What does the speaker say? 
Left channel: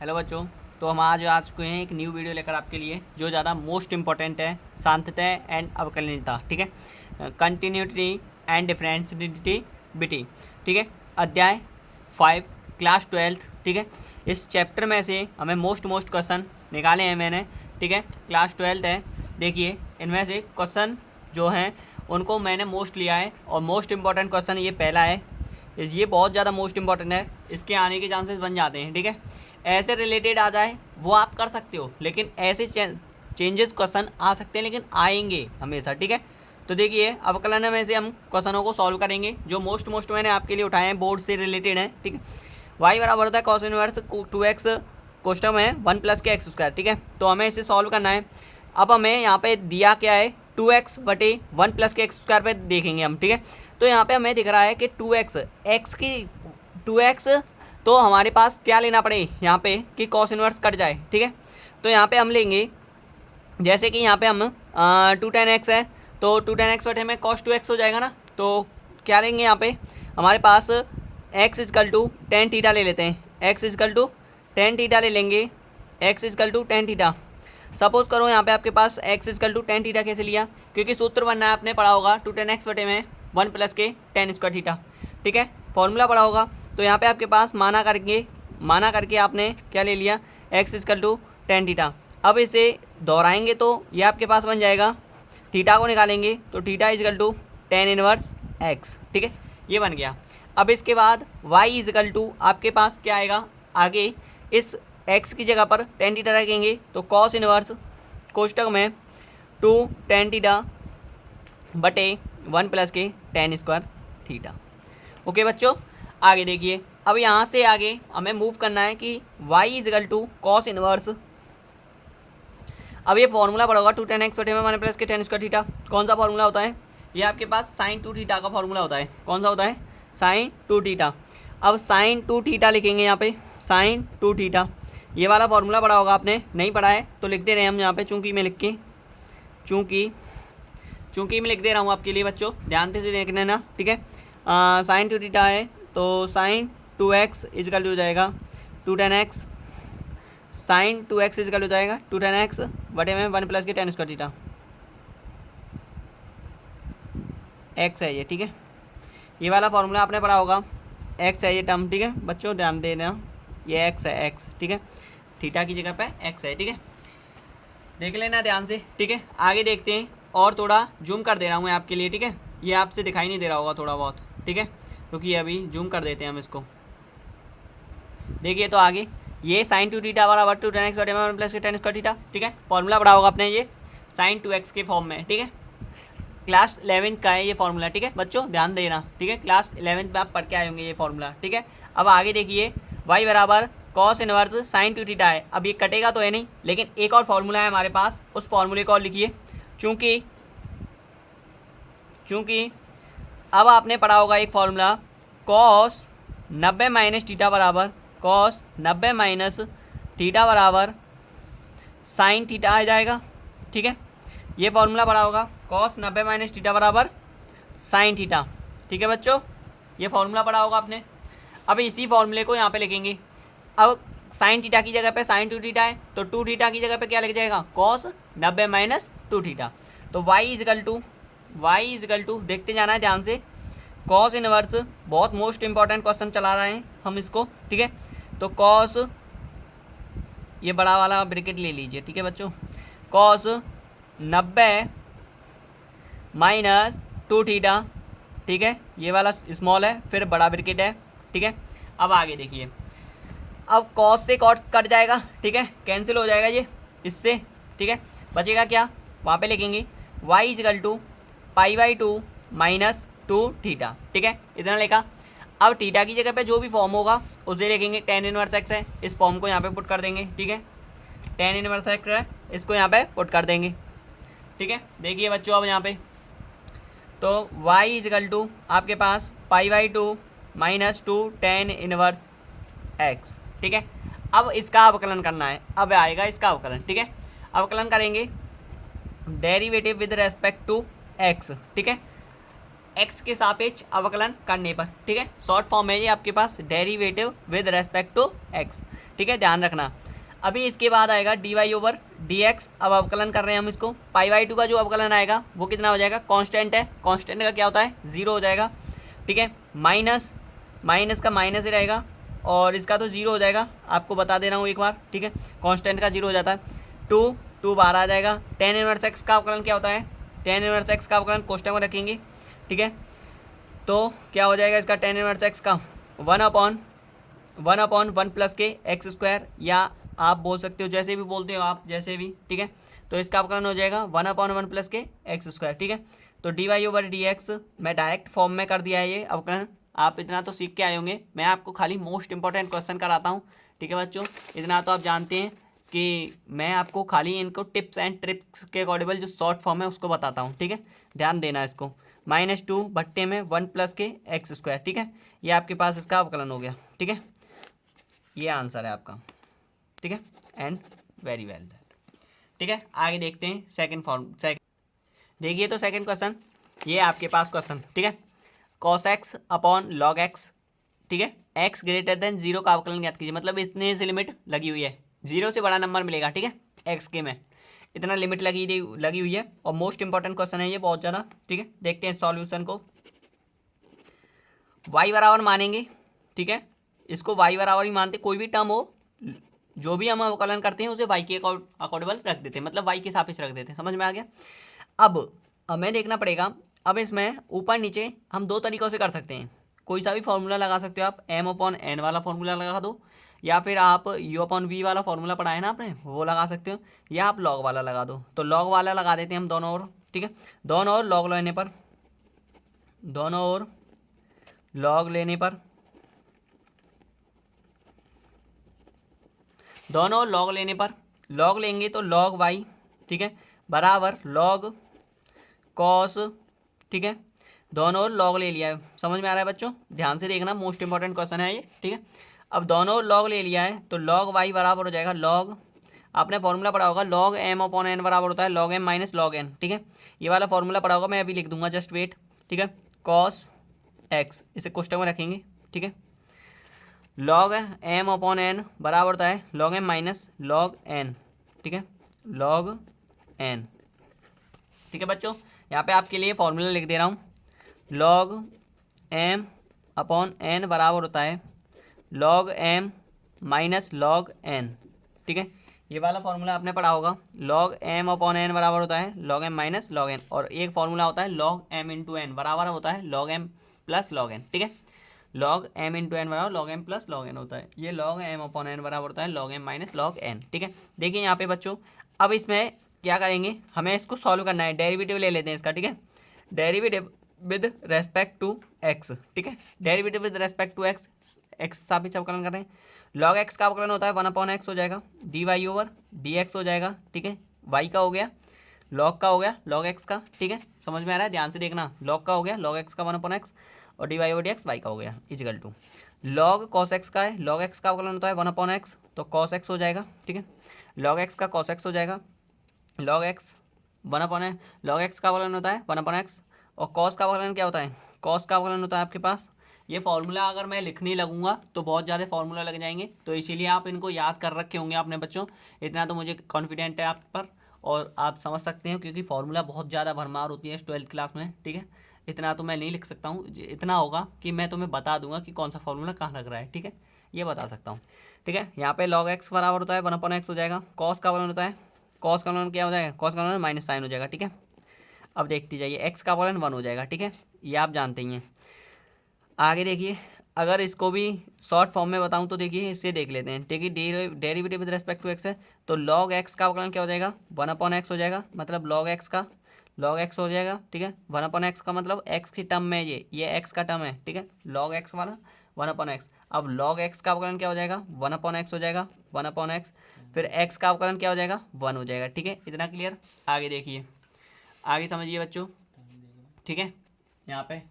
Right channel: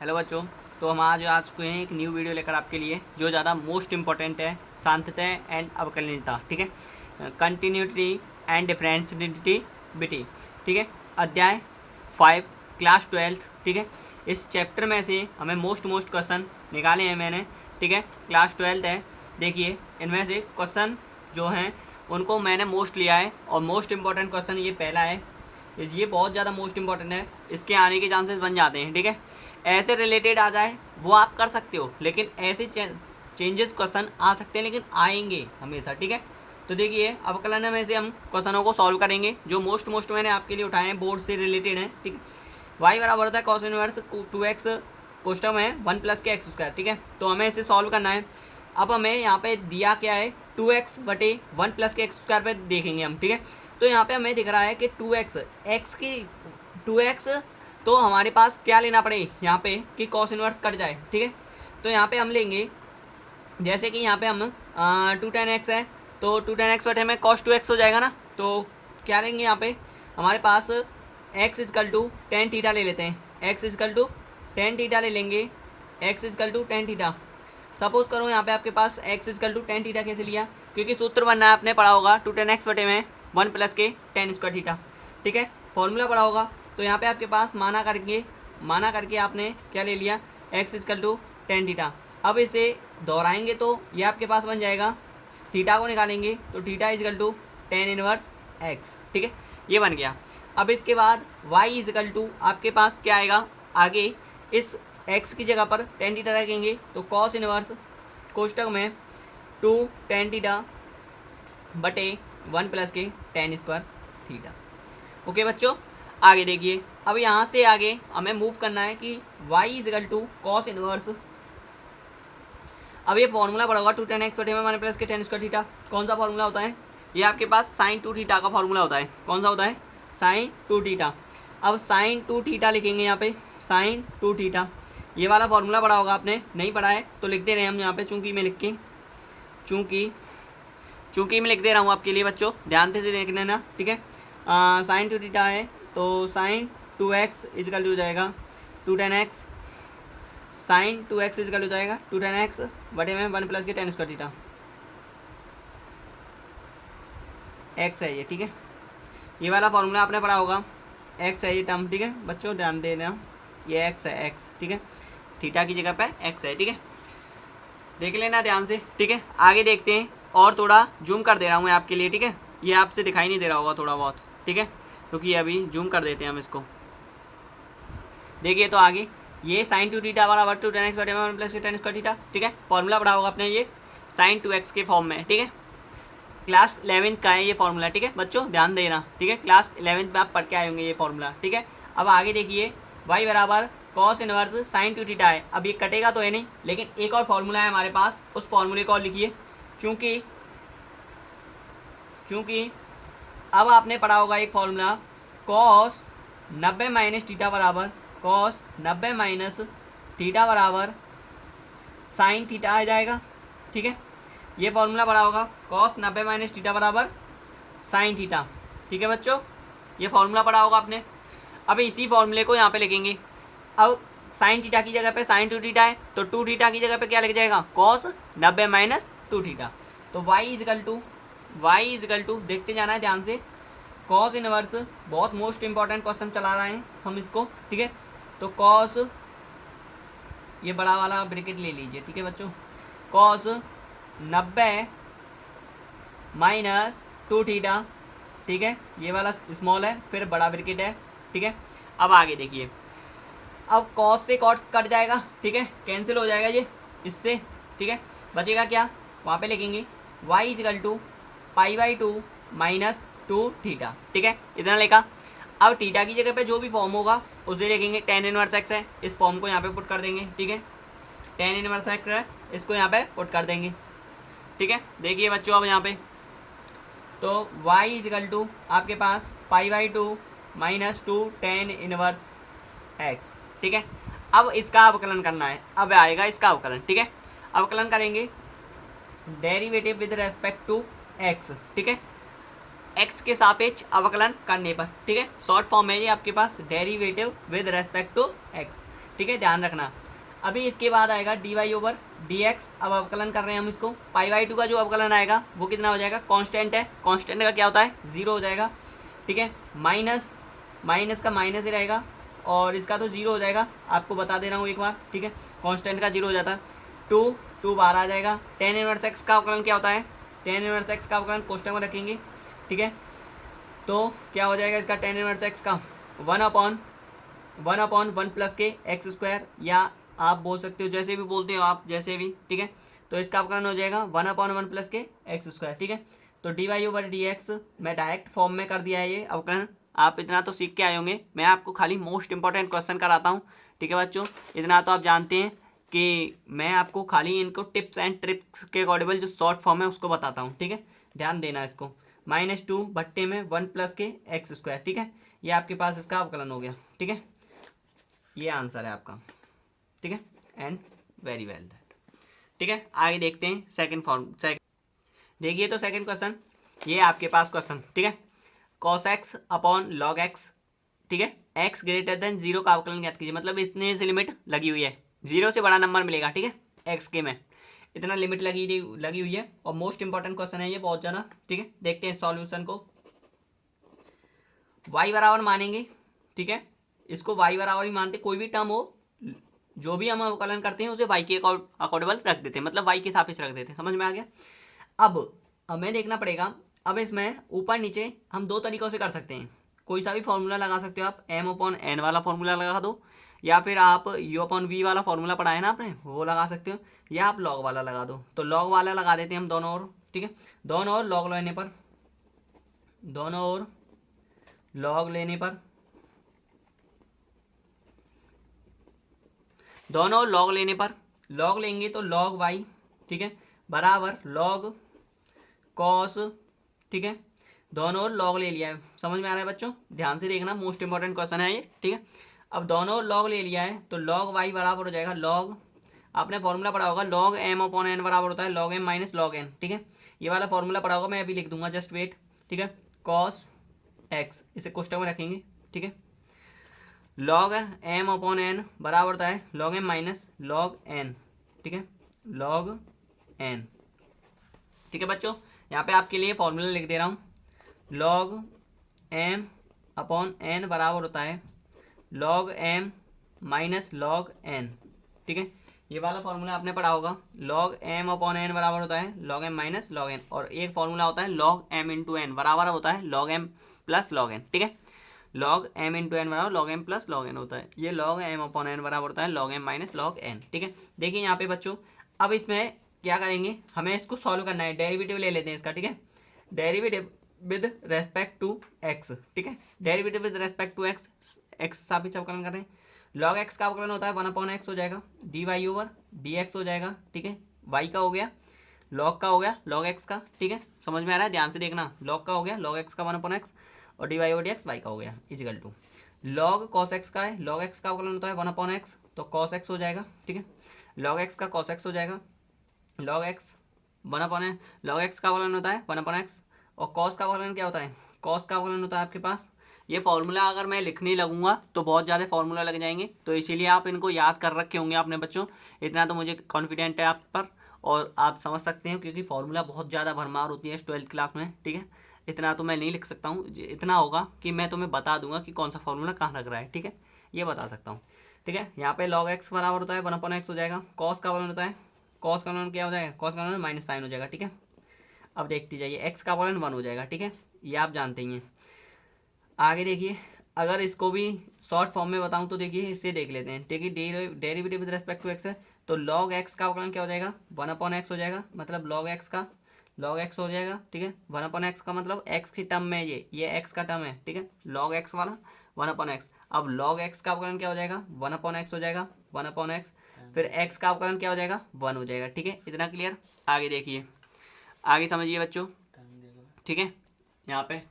Hello बच्चों। तो हम आज को हैं एक न्यू वीडियो लेकर आपके लिए जो ज़्यादा मोस्ट इम्पॉर्टेंट है, सांतत्य एंड अवकलनीयता। ठीक है, कंटिन्यूटी एंड डिफरेंशिएबिलिटी। ठीक है, अध्याय 5, क्लास 12। ठीक है, इस चैप्टर में से हमें मोस्ट क्वेश्चन निकाले हैं मैंने। ठीक है, क्लास 12 है। देखिए, इनमें से क्वेश्चन जो हैं उनको मैंने मोस्ट लिया है और मोस्ट इम्पॉर्टेंट क्वेश्चन ये पहला है। ये बहुत ज़्यादा मोस्ट इंपॉर्टेंट है, इसके आने के चांसेस बन जाते हैं। ठीक है, ऐसे रिलेटेड आ जाए वो आप कर सकते हो, लेकिन ऐसे चेंजेस क्वेश्चन आ सकते हैं, लेकिन आएंगे हमेशा। ठीक है, तो देखिए अवकलन में से हम क्वेश्चनों को सॉल्व करेंगे जो मोस्ट मैंने आपके लिए उठाए हैं, बोर्ड से रिलेटेड है। ठीक है, वाई बराबर होता है कॉस इनवर्स 2x कोष्टक में 1 प्लस के एक्स स्क्वायर। ठीक है, तो हमें इसे सॉल्व करना है। अब हमें यहाँ पे दिया क्या है, 2x बटे 1 प्लस के एक्स स्क्वायर पे देखेंगे हम। ठीक है, तो यहाँ पे हमें दिख रहा है कि 2x एक्स की 2x, तो हमारे पास क्या लेना पड़े यहाँ पे कि कॉस इनवर्स कट जाए। ठीक है, तो यहाँ पे हम लेंगे, जैसे कि यहाँ पे हम 2 tan x है, तो 2 tan x बटे में cos 2x हो जाएगा ना। तो क्या लेंगे यहाँ पे, हमारे पास x is equal to tan theta ले लेते हैं। x is equal to tan theta ले लेंगे, x is equal to tan theta. Suppose करो यहाँ पे आपके पास x is equal to tan theta कैसे लिया, क्योंकि सूत्र बनना है, आपने पढ़ा होगा 2 tan x बटे में 1 प्लस के टेन स्क्वायर थीटा। ठीक है, फॉर्मूला पढ़ा होगा। तो यहाँ पे आपके पास माना करके आपने क्या ले लिया, x is equal to tan theta. अब इसे दोहराएंगे तो ये आपके पास बन जाएगा, थीटा को निकालेंगे तो theta is equal to tan inverse x. ठीक है, ये बन गया। अब इसके बाद y इजकल टू आपके पास क्या आएगा, आगे इस x की जगह पर टेन थीटा रखेंगे तो कॉस इनवर्स कोष्टक में 2 tan थीटा बटे 1 प्लस के टेन स्क्वायर थीटा। ओके बच्चों, आगे देखिए, अब यहाँ से आगे हमें मूव करना है कि y is equal to cos inverse. अब ये फॉर्मूला पड़ा होगा 2 tan x बटे में 1 प्लस के टेन स्क्वायर थीटा। कौन सा फॉर्मूला होता है, ये आपके पास साइन 2 थीटा का फॉर्मूला होता है। कौन सा होता है, साइन 2 थीटा। अब साइन 2 थीटा लिखेंगे यहाँ पे, साइन 2 थीटा। ये वाला फॉर्मूला पढ़ा होगा, आपने नहीं पढ़ा है तो लिख दे रहे हैं हम यहाँ पे, चूँकि मैं लिख दे रहा हूँ आपके लिए बच्चों, ध्यान से देख लेना। ठीक है, साइन 2 थीटा है तो साइन 2x इजकल हो जाएगा 2 tan x, sign 2x is equal हो जाएगा 2 tan x बटे में 1 प्लस के टेन स्क्वायर थीटा। x है ये। ठीक है, ये वाला फॉर्मूला आपने पढ़ा होगा, x है ये टर्म। ठीक है बच्चों, ध्यान देना, ये x है, x। ठीक है, थीटा की जगह पे x है। ठीक है, देख लेना ध्यान से। ठीक है, आगे देखते हैं, और थोड़ा जूम कर दे रहा हूँ मैं आपके लिए। ठीक है, ये आपसे दिखाई नहीं दे रहा होगा थोड़ा बहुत। ठीक है, क्योंकि अभी जूम कर देते हैं हम इसको। देखिए, तो आगे ये साइन 2 थीटा बराबर 2 tan x बटे में 1 प्लस के टेन स्क्वायर थीटा। ठीक है, फॉर्मूला पढ़ा होगा आपने ये साइन 2x के फॉर्म में। ठीक है, क्लास 11 का है ये फॉर्मूला। ठीक है बच्चों, ध्यान देना। ठीक है, क्लास 11 में आप पढ़ के आए होंगे ये फॉर्मूला। ठीक है, अब आगे देखिए, y बराबर कॉस इनवर्स साइन 2 थीटा है। अब ये कटेगा तो है नहीं, लेकिन एक और फॉर्मूला है हमारे पास, उस फॉर्मूले को और लिखिए। चूँकि अब आपने पढ़ा होगा एक फॉर्मूला, कॉस 90 माइनस थीटा बराबर कॉस 90 माइनस थीटा बराबर साइन थीटा आ जाएगा। ठीक है, ये फॉर्मूला पढ़ा होगा, कॉस 90 माइनस थीटा बराबर साइन थीटा। ठीक है बच्चों, ये फॉर्मूला पढ़ा होगा आपने। अब इसी फॉर्मूले को यहाँ पे लिखेंगे। अब साइन थीटा की जगह पे साइन 2 थीटा है, तो 2 थीटा की जगह पे क्या लिख जाएगा, कॉस 90 माइनस 2 थीटा। तो y इजकल टू देखते जाना है ध्यान से, कॉस इनवर्स, बहुत मोस्ट इंपॉर्टेंट क्वेश्चन चला रहे हैं हम इसको। ठीक है, तो कॉस, ये बड़ा वाला ब्रैकेट ले लीजिए। ठीक है बच्चों, कॉस 90 माइनस 2 थीटा। ठीक है, ये वाला स्मॉल है, फिर बड़ा ब्रैकेट है। ठीक है, अब आगे देखिए, अब कॉस से कॉस कट जाएगा। ठीक है, कैंसिल हो जाएगा ये इससे। ठीक है, बचेगा क्या, वहाँ पे लिखेंगे y is equal to π/2 minus 2 theta. ठीक है, इतना लिखा। अब थीटा की जगह पे जो भी फॉर्म होगा उसे लिखेंगे, टेन इनवर्स x है, इस फॉर्म को यहाँ पे पुट कर देंगे। ठीक है, टेन इनवर्स x है, इसको यहाँ पे पुट कर देंगे। ठीक है, देखिए बच्चों, अब यहाँ पे तो y इजकल टू आपके पास π/2 माइनस 2 टेन इनवर्स x। ठीक है, अब इसका अवकलन करना है, अब आएगा इसका अवकलन। ठीक है, अवकलन करेंगे derivative with respect to x। ठीक है, x के सापेक्ष अवकलन करने पर। ठीक है, शॉर्ट फॉर्म है ये आपके पास, derivative with respect to x। ठीक है, ध्यान रखना। अभी इसके बाद आएगा D Y over D X. अब अवकलन कर रहे हैं हम इसको। पाई बाई टू का जो अवकलन आएगा वो कितना हो जाएगा, कांस्टेंट है, कांस्टेंट का क्या होता है, जीरो हो जाएगा। ठीक है, माइनस माइनस का माइनस ही रहेगा और इसका तो जीरो हो जाएगा, आपको बता दे रहा हूँ एक बार। ठीक है, कांस्टेंट का जीरो हो जाता है। टू बाहर आ जाएगा। टेन इनवर्स एक्स का अवकलन क्या होता है, टेन इनवर्स एक्स का अवकलन कोष्टक में रखेंगे। ठीक है, तो क्या हो जाएगा इसका टेन इनवर्स एक्स का, वन अपॉन वन प्लस के एक्स स्क्वायर, या आप बोल सकते हो जैसे भी बोलते हो आप, जैसे भी। ठीक है, तो इसका अवकलन हो जाएगा वन अपॉन वन प्लस के एक्स स्क्वायर। ठीक है, तो d Y over D x मैं डायरेक्ट फॉर्म में कर दिया है ये अवकलन। आप इतना तो सीख के आए होंगे, मैं आपको खाली मोस्ट इंपॉर्टेंट क्वेश्चन कराता हूँ। ठीक है बच्चों, इतना तो आप जानते हैं कि मैं आपको खाली इनको टिप्स एंड ट्रिक्स के अकॉर्डिंग जो शॉर्ट फॉर्म है उसको बताता हूँ। ठीक है, ध्यान देना इसको। -2 बट्टे में वन प्लस के एक्स स्क्वायर। ठीक है, ये आपके पास इसका अवकलन हो गया। ठीक है, ये आंसर है आपका। ठीक है, एंड वेरी वेल। ठीक है, आगे देखते हैं सेकंड फॉर्म। देखिए तो सेकंड क्वेश्चन, ये आपके पास क्वेश्चन। ठीक है, cos x upon log x. ठीक है, एक्स ग्रेटर देन जीरो का अवकलन ज्ञात कीजिए। मतलब इतने से लिमिट लगी हुई है, जीरो से बड़ा नंबर मिलेगा। ठीक है, एक्स के में इतना लिमिट लगी हुई है और मोस्ट इंपॉर्टेंट क्वेश्चन है ये बहुत ज़्यादा। ठीक है, देखते हैं सॉल्यूशन को। वाई बराबर मानेंगे। ठीक है, इसको वाई बराबर ही मानते, कोई भी टर्म हो जो भी हम अवकलन करते हैं उसे वाई के अकॉर्डेबल रख देते हैं, मतलब वाई के सापेक्ष रख देते हैं। समझ में आ गया। अब हमें देखना पड़ेगा, अब इसमें ऊपर नीचे हम दो तरीक़ों से कर सकते हैं। कोई सा भी फॉर्मूला लगा सकते हो आप, एम अपॉन एन वाला फॉर्मूला लगा दो, या फिर आप यू अपॉन वी वाला फॉर्मूला पढ़ा है ना आपने, वो लगा सकते हो, या आप लॉग वाला लगा दो। तो लॉग वाला लगा देते हैं हम दोनों ओर। ठीक है, दोनों ओर लॉग लेने पर, दोनों ओर लॉग लेने पर, दोनों लॉग लेने पर, लॉग लेंगे तो लॉग वाई। ठीक है, बराबर लॉग कॉस। ठीक है, दोनों ओर लॉग ले लिया है। समझ में आ रहा है बच्चों, ध्यान से देखना, मोस्ट इंपॉर्टेंट क्वेश्चन है ये। ठीक है, अब दोनों ओर लॉग ले लिया है तो लॉग वाई बराबर हो जाएगा लॉग, आपने फॉर्मूला पढ़ा होगा लॉग एम अपॉन एन बराबर होता है log m minus log n. ठीक है, ये वाला फॉर्मूला पढ़ा होगा, मैं अभी लिख दूंगा, जस्ट वेट। ठीक है, कॉस एक्स, इसे कोष्टक में रखेंगे। ठीक है, लॉग एम अपॉन एन बराबर होता है log m minus log n. ठीक है, लॉग एन। ठीक है बच्चों, यहाँ पे आपके लिए फॉर्मूला लिख दे रहा हूँ, लॉग एम अपॉन एन बराबर होता है log m minus log n. ठीक है, ये वाला फॉर्मूला आपने पढ़ा होगा, लॉग एम अपॉन एन बराबर होता है log m minus log n, और एक फॉर्मूला होता है लॉग एम इंटू एन बराबर होता है log m plus log n. ठीक है, लॉग एम इंटू एन बराबर log m plus log n होता है, ये लॉग एम अपॉन एन बराबर होता है log m minus log n. ठीक है, देखिए यहाँ पे बच्चों, अब इसमें क्या करेंगे, हमें इसको सॉल्व करना है। डेरिवेटिव ले लेते हैं इसका। ठीक है, derivative with respect to x. ठीक है, derivative with respect to x, x सापेक्ष अवकलन कर रहे हैं। लॉग एक्स का अवकलन होता है वन अपॉन एक्स हो जाएगा, d Y over D x हो जाएगा। ठीक है, वाई का हो गया, लॉग का हो गया लॉग एक्स का। ठीक है, समझ में आ रहा है, ध्यान से देखना, लॉग का हो गया लॉग एक्स का वन अपॉन एक्स, और d Y over D x y का हो गया is equal to log cos x का है, लॉग एक्स का अवकलन होता है वन अपॉन एक्स, तो कॉस एक्स हो जाएगा। ठीक है, लॉग एक्स का कॉस एक्स हो जाएगा, लॉग एक्स वन अपॉन है, लॉग एक्स का अवकलन होता है वन अपॉन एक्स, और कॉस का अवकलन क्या होता है, कॉस का अवकलन होता है आपके पास, ये फार्मूला अगर मैं लिखने लगूंगा तो बहुत ज़्यादा फार्मूला लग जाएंगे, तो इसीलिए आप इनको याद कर रखे होंगे आपने बच्चों, इतना तो मुझे कॉन्फिडेंट है आप पर, और आप समझ सकते हैं क्योंकि फार्मूला बहुत ज़्यादा भरमार होती है 12th क्लास में। ठीक है, इतना तो मैं नहीं लिख सकता हूँ, इतना होगा कि मैं तुम्हें बता दूंगा कि कौन सा फार्मूला कहाँ लग रहा है। ठीक है, ये बता सकता हूँ। ठीक है, यहाँ पे लॉग एक्स बराबर होता है वन अपॉन एक्स हो जाएगा, कॉस का अवकलन होता है, कॉस का अवकलन क्या हो जाएगा, कॉस का अवकलन माइनस साइन हो जाएगा। ठीक है, अब देखते जाइए, एक्स का अवकलन वन हो जाएगा। ठीक है, ये आप जानते ही हैं। आगे देखिए, अगर इसको भी शॉर्ट फॉर्म में बताऊं तो देखिए, इससे देख लेते हैं। देखिए, derivative with respect to x है, तो लॉग एक्स का अवकलन क्या हो जाएगा, वन अपॉन एक्स हो जाएगा, मतलब लॉग एक्स का लॉग एक्स हो जाएगा। ठीक है, वन अपॉन एक्स का मतलब एक्स की टर्म में ये एक्स का टर्म है। ठीक है, लॉग एक्स वाला वन अपॉन एक्स, अब लॉग एक्स का अवकलन क्या हो जाएगा, वन अपॉन एक्स हो जाएगा, वन अपॉन एक्स, फिर एक्स का अवकलन क्या हो जाएगा, वन हो जाएगा। ठीक है, इतना क्लियर। आगे देखिए, आगे समझिए बच्चों। ठीक है, यहाँ पे